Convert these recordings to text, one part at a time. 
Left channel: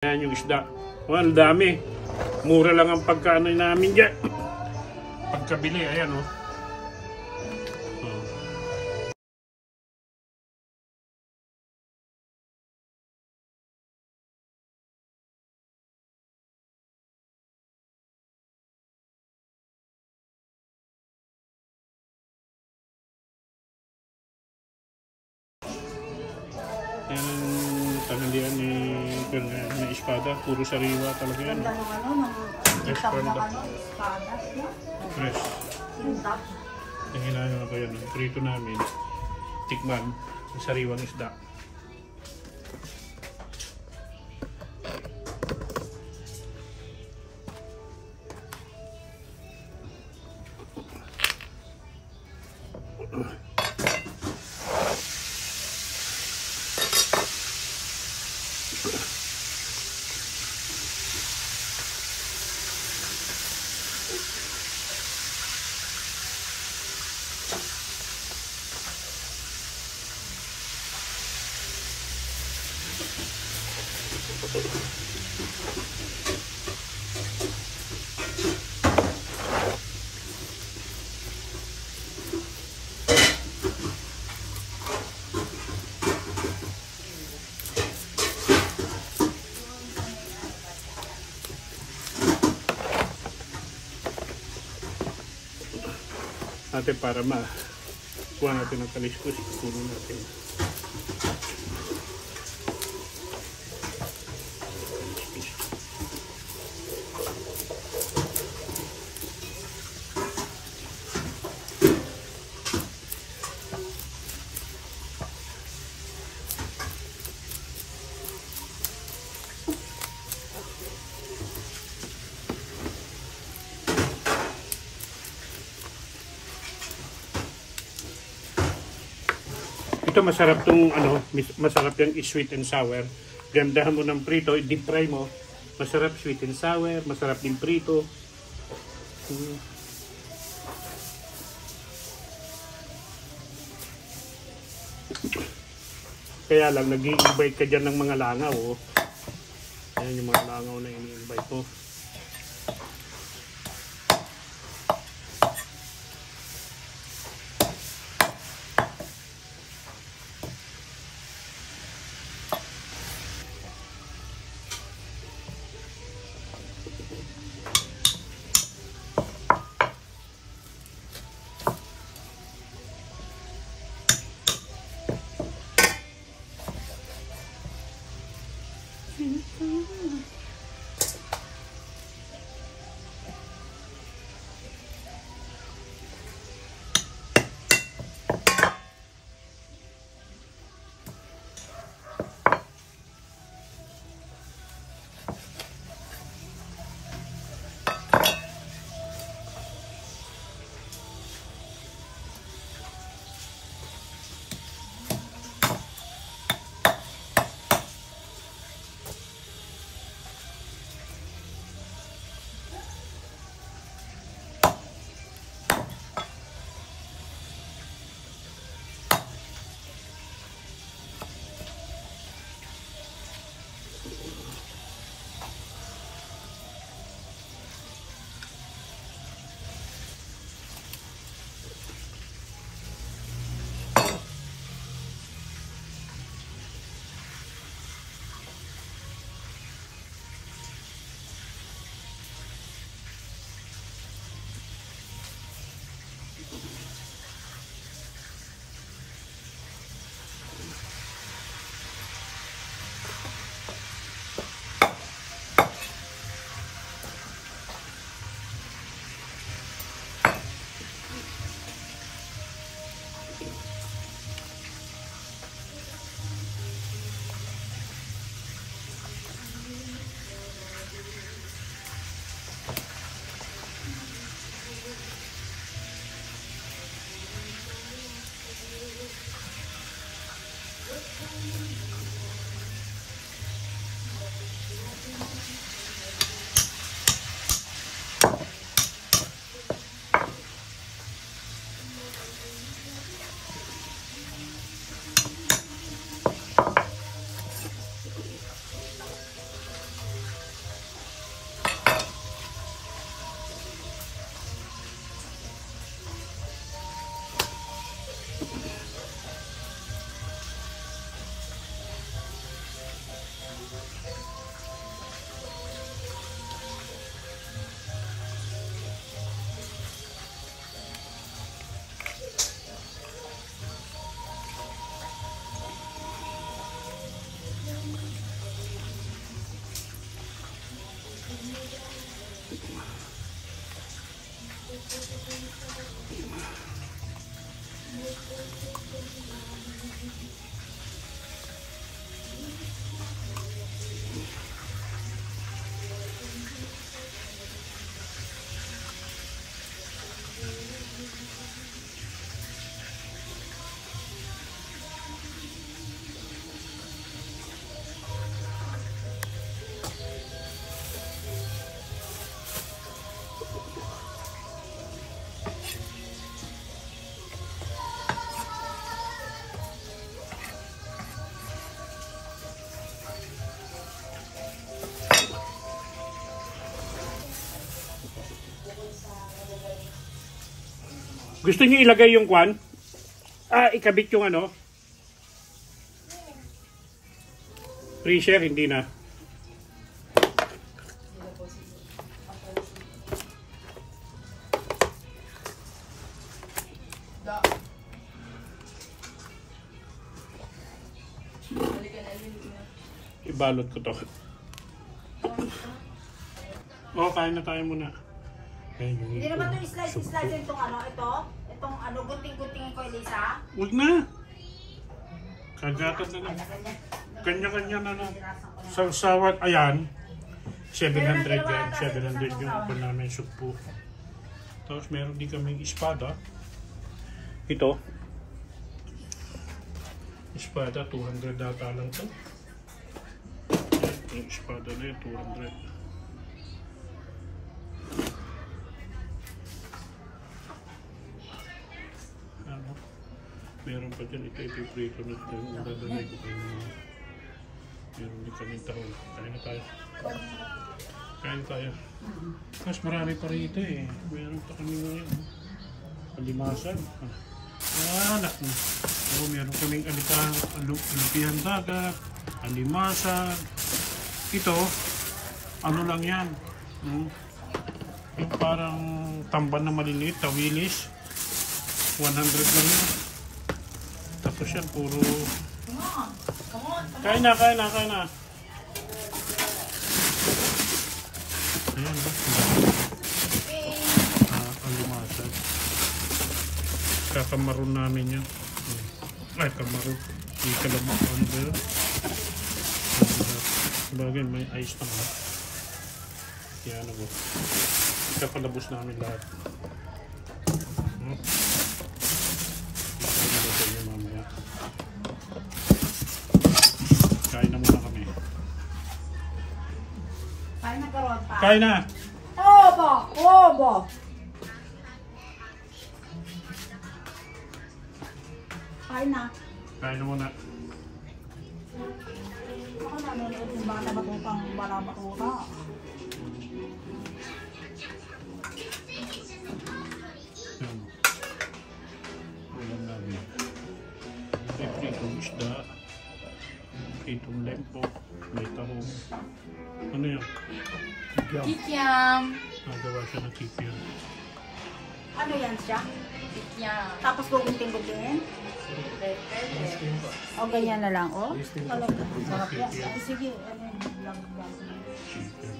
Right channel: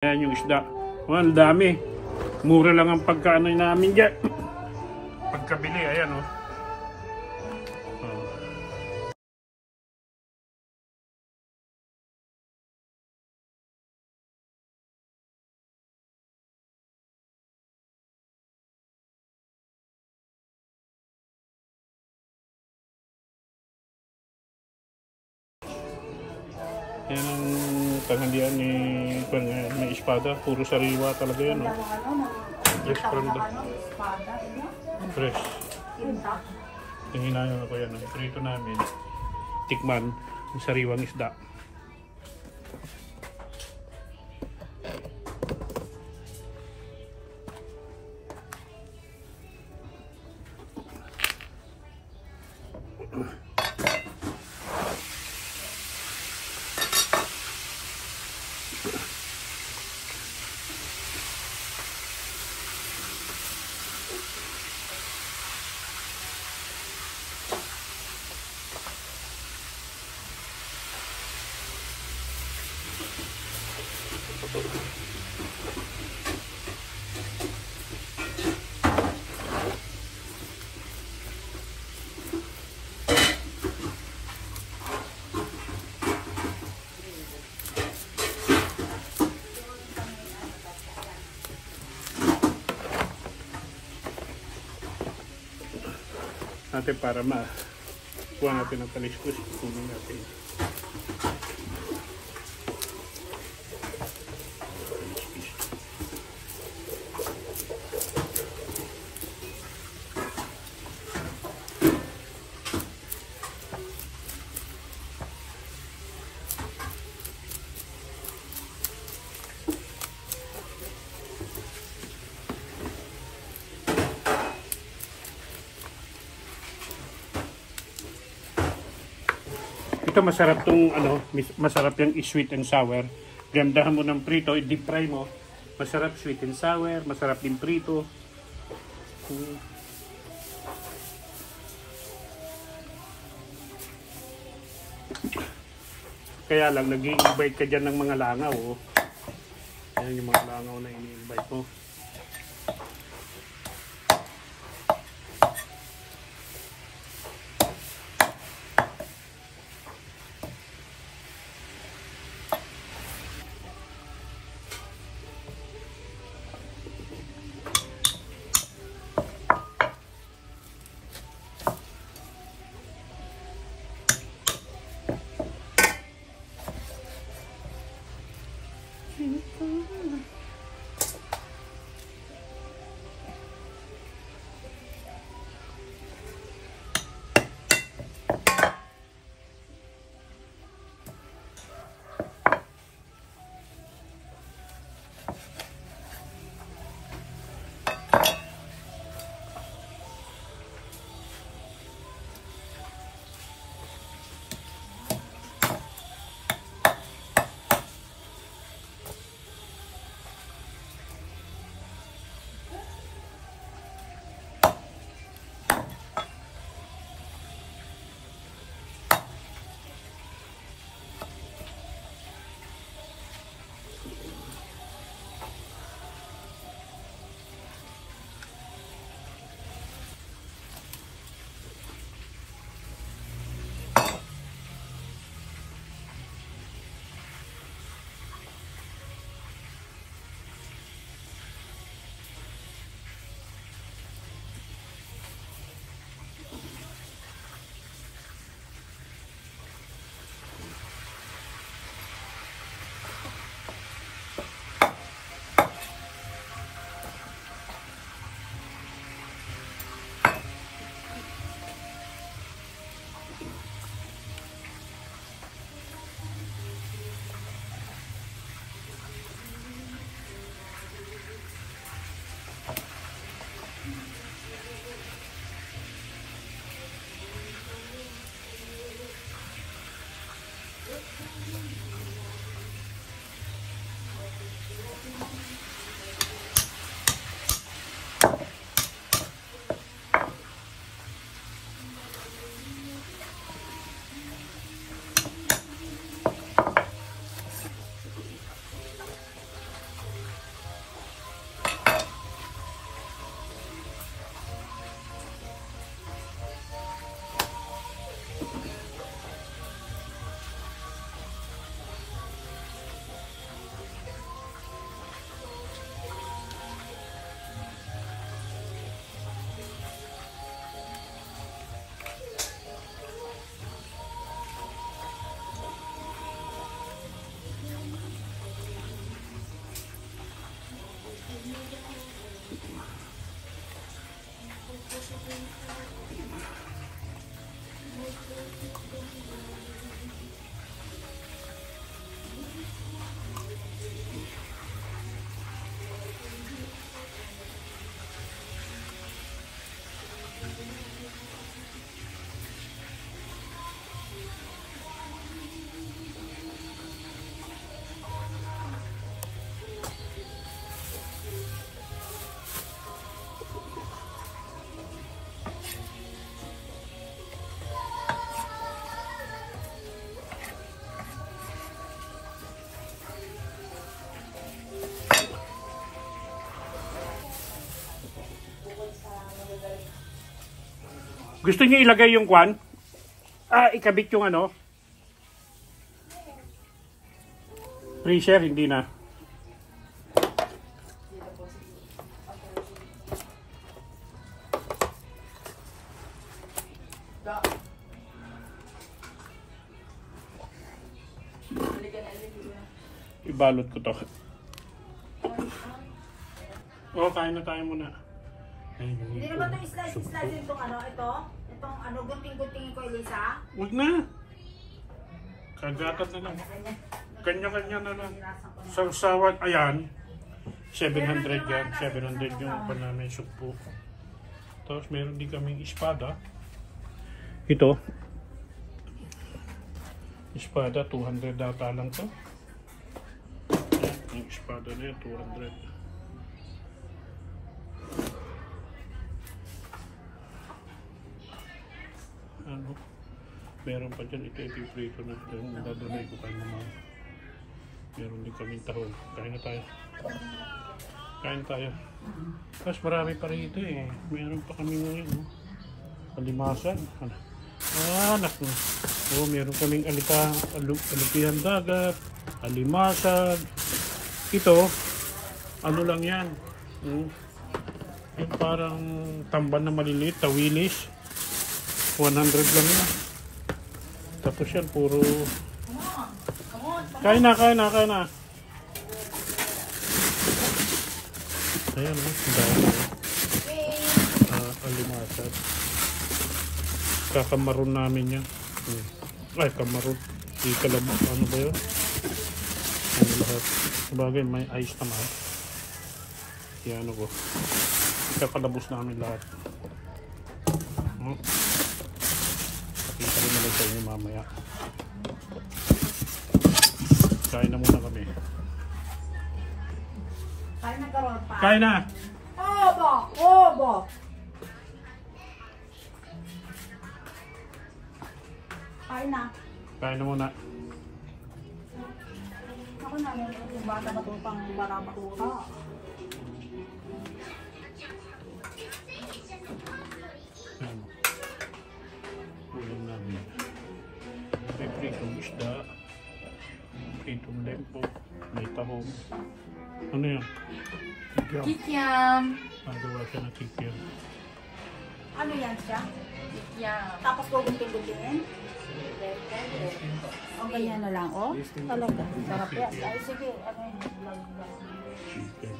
Ayan yung isda. Oh, ang dami. Mura lang ang pagkaano namin dyan. Pagkabili, ayan oh. Oh. Yan ang tanghalian ni espada. Puro sariwa talaga yan oh. Fresh from the fresh. Hinahin ko yan. Prito namin. Tikman. Yung sariwang isda. Natin para kuha natin ang kaliskos, kunin natin. Ito masarap tong masarap yung sweet and sour. Gandahan mo ng prito, i-deep fry mo. Masarap sweet and sour, masarap din prito. Kaya lang nag-i-invite ka dyan ng mga langaw. Oh. Ayan yung mga langaw na ini-invite mo. Gusto niyo ilagay yung kwan? Ikabit yung ano? Freezer, hindi na. Ibalot ko to. Kain na tayo muna. Hindi naman ito slice itong ano, itong ano, gunting-guntingin ko, Elisa. Huwag na. Kagatan na lang. Kanya-kanya na lang. Sawat, ayan. 700 yan. 700 yung ako namin sukpo. Tapos meron din kaming espada. Ito. Espada, 200 data lang to. Yung espada na yun, 200. Ano? Meron pa dyan, ito ipiprito na. Nadadamay ko kayo. Meron din kami tahol. Kain na tayo. Kain tayo. Tapos marami pa rito eh. Meron pa kami ngayon. Alimasan. Anak mo. Meron kaming alupihan dagat. Alimasan. Ito, ano lang yan. Yung parang tamban na maliliit, tawilis. 100 lang yan. Tapos yan, puro... Kain na. Ayan, alimasad. Kakamaroon namin yan. Ay, kamaroon. Hindi kalabak. Ano ba yun? Bagay, may ice naman. Yan ko. Kapalabos namin lahat. Mamaya. Kain na muna kami. Kain na karoon pa. Kain na! Obo! Kain na. Kain na muna. Ako na, meron yung bata batutang bata. Ulam namin. May pritong isda. Pritong lempo. May tahong. Ano yan? Kikiam. Kikiam. Gawa siya ng kikiam. Ano yan siya? Kikiam. Tapos gugunting-guntingin? O ganyan na lang, o? Kikiam. Ay, sige. Ano yung vlog? Chicken.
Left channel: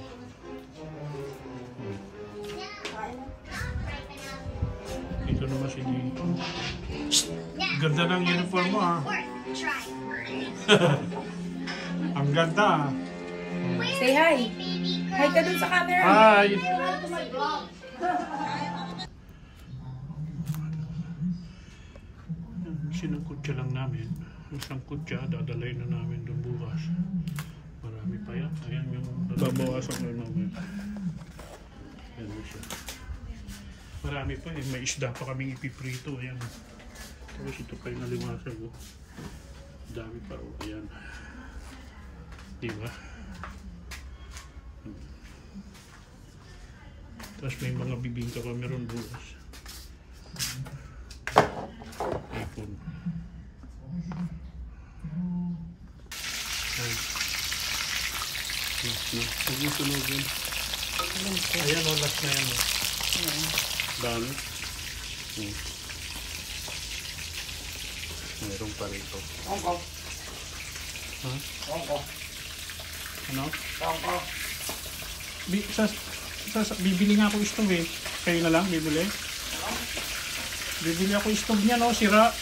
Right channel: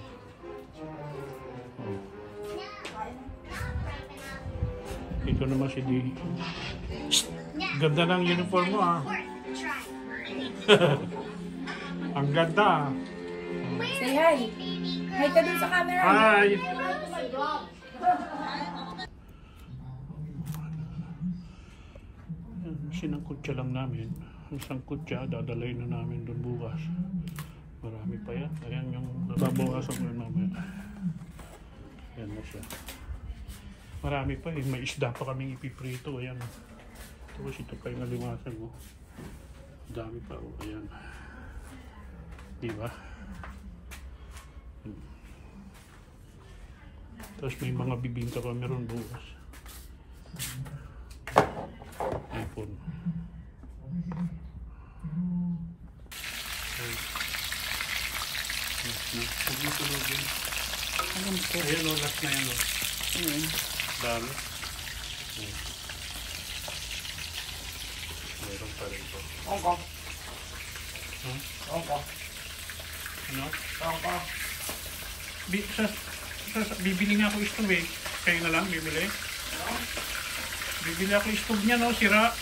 Ito naman si Dito. Ganda ng uniform mo ah. Ang ganda ah. Say hi. Hi ka dun sa camera. Hi! Sinangkutya lang namin. Ang sangkutya, dadalay na namin doon bukas. Marami pa yan. Ayan yung babawasan mo yung mga. Ayan na siya. Marami pa. May isda pa kaming ipiprito. Ayan. Tapos ito pa yung nalimasan ko. Dami pa. Ayan. Diba? Tapos may mga bibingka pa meron bukas. iPhone. Ayan o, last na yan o. Dami. Meron pa rin ito. Ongko. Ano? Bibili nga ako stove eh. Kayo na lang bibili. Bibili ako stove niya no, sira.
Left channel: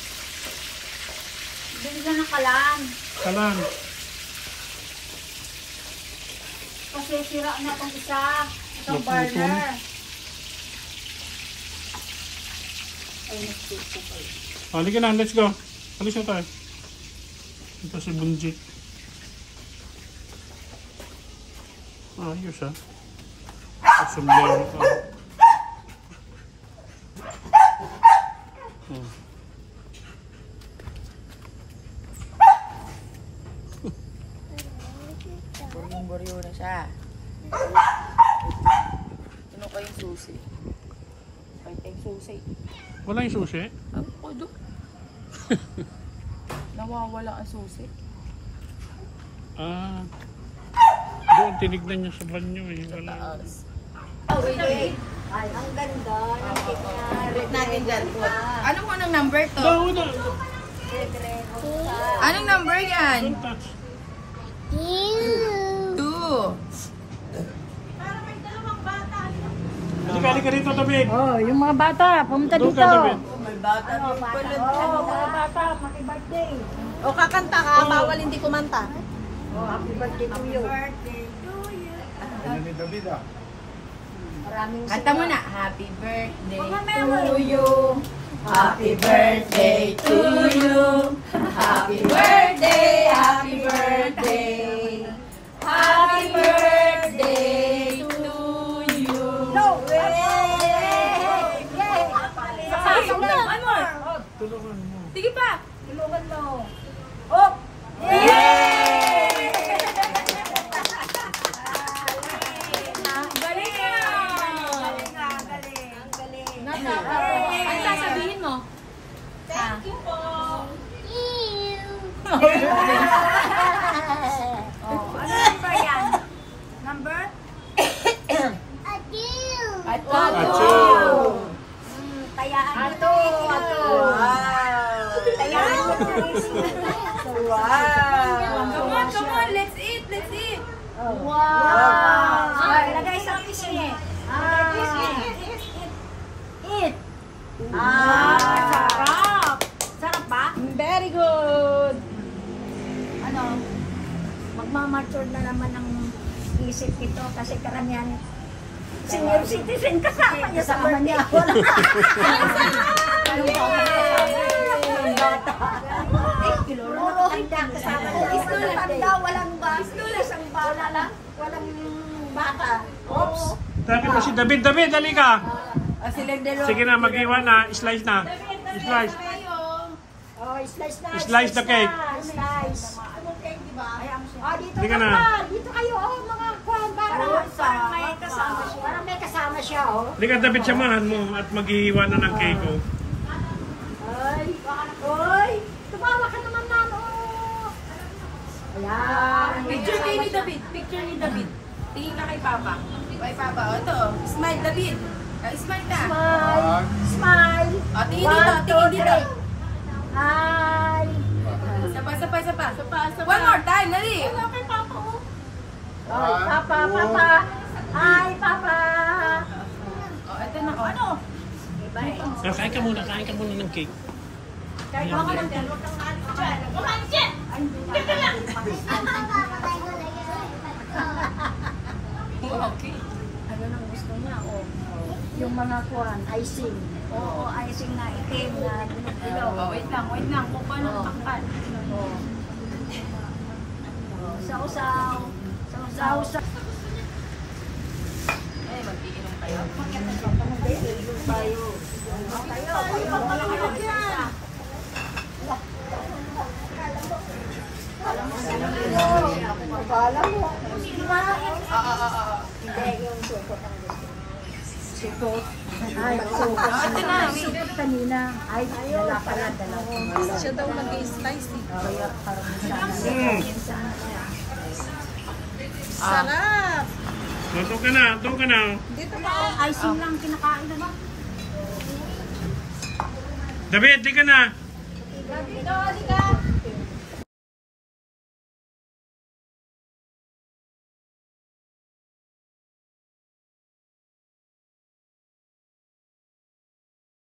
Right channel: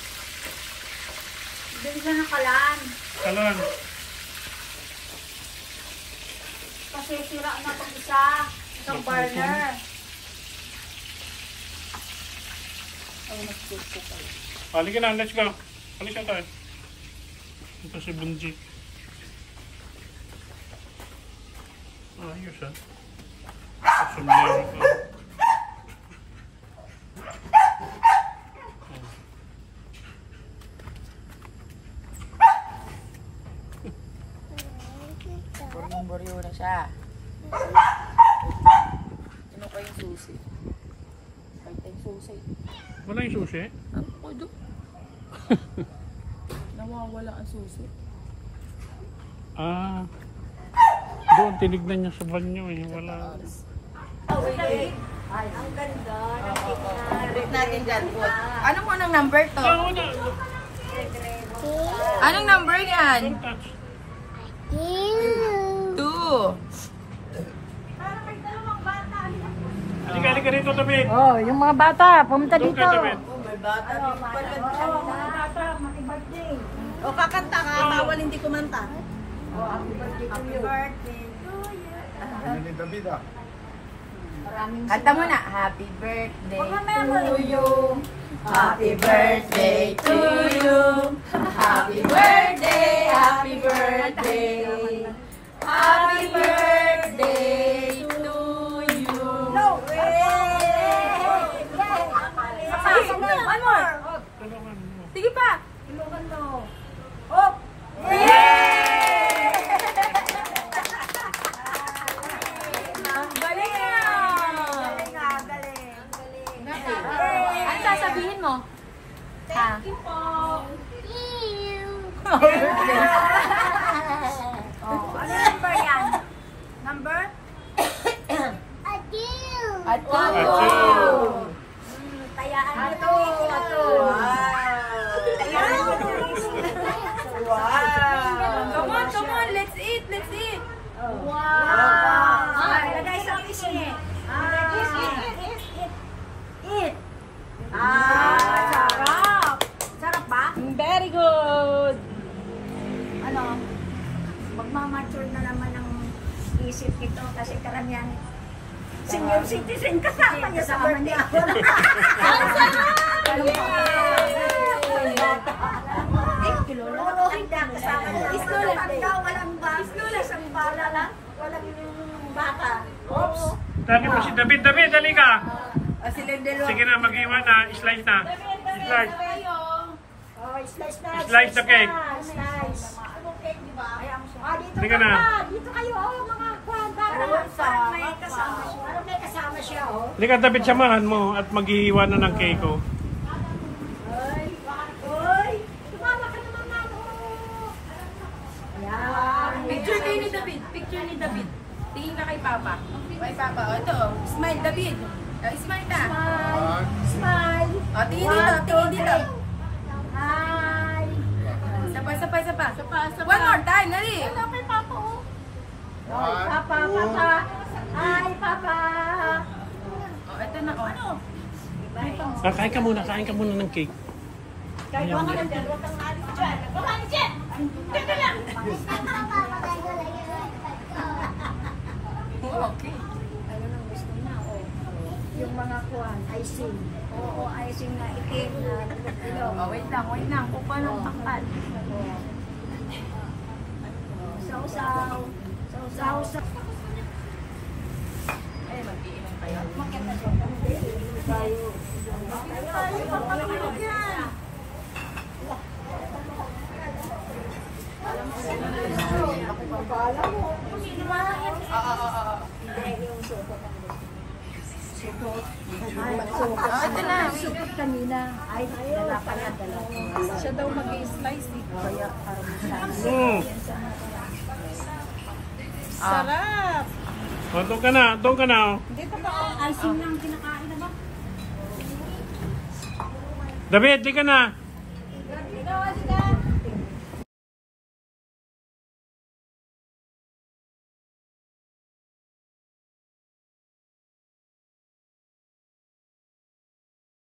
Bili ka ng kalan. Kalan. Kasi sira na itong isa. Itong burner. Ay, nag-sip ko pala. Halika na, let's go. Alis na tayo. Ito si Bunjit. Ayos ha. Sumbiyan ko. Buryong-buryo na siya. Ano ko yung susi? Pwede susi. Wala yung sushi? Ako doon. Nawawala ang susi. Ah. Doon, tinignan niya sa banyo eh. Sa Wala. taas. Oh, wait. Ay, ang ganda. Put natin dyan, put. Ano mo ng number to? Wala. Anong number yan? Don't touch. 2. Parang may dalawang bata. Sige, ka rito, David. Oh, yung mga bata, pumunta Doon dito. ka, David. Ano, mga bata, makibirthday. O kakanta ka, bawal hindi kumanta. Oh, happy birthday to you. birthday to you. Ano ni David ah? Maraming Kanta mo na. Happy birthday Pag-memory. to you. Happy birthday to you. Happy birthday, happy birthday. Happy birthday to you. No! One more! Sige pa. Ilugan mo. Oh! Galing Ano sasabihin mo? Ha? Oh, ano number yan? Number? Ato. Tayaan mo. Ato. Tayaan mo. Come on, let's eat, let's eat. Wow! Lagay sa pisngi. Eat. Sarap. Sarap ba? Very good. Ano? Magmamature na naman ang isip nito kasi karamihan senior citizen kasama niya sa birthday. Walang bala lang. Walang baka. Oops. Tagin mo si David. David, dali ka. Silang dalawa. Sige na, mag-iwan na. Slice na. Slice. Oh, slice na. Slice the cake. Slice. Dito Sige ka na. pa. Dito kayo, oh, mga kwan. Para may kasama siya. Para may kasama siya, oh. Halika, David, samahan mo at maghihiwa na ng cake ko. Oy, tumawa ka naman na, oh. Ayan. Picture kayo ni David. Picture ni David. Tingin ka kay Papa. Kay Papa. O, ito. Smile, David. Smile ka. Smile. O, tingin dito. Tingin dito. Hi. Sapa. One more time. Dali. Hello kay Papa, oh. One, Papa, two. Papa. Hi, Papa. O, ito na. O. Ano? Kain ka muna ng cake. Kaya ka ng dalawa kang natin. Ay, hindi na. Okay. Ano nang gusto niya, oh. Yung mga kuhan, icing. Oo, icing na itim na ilaw. O, wait lang. Kukuha ng pakpan. Sausaw. Sausaw. Eh, mag-iinom kayo. Ito na. Kanina, ay, nalaparad na lang. Siya daw nag-slice eh. Kaya parang Sarap! Doon ka na. icing lang kinakain na ba? David, di ka na. Dito, halika.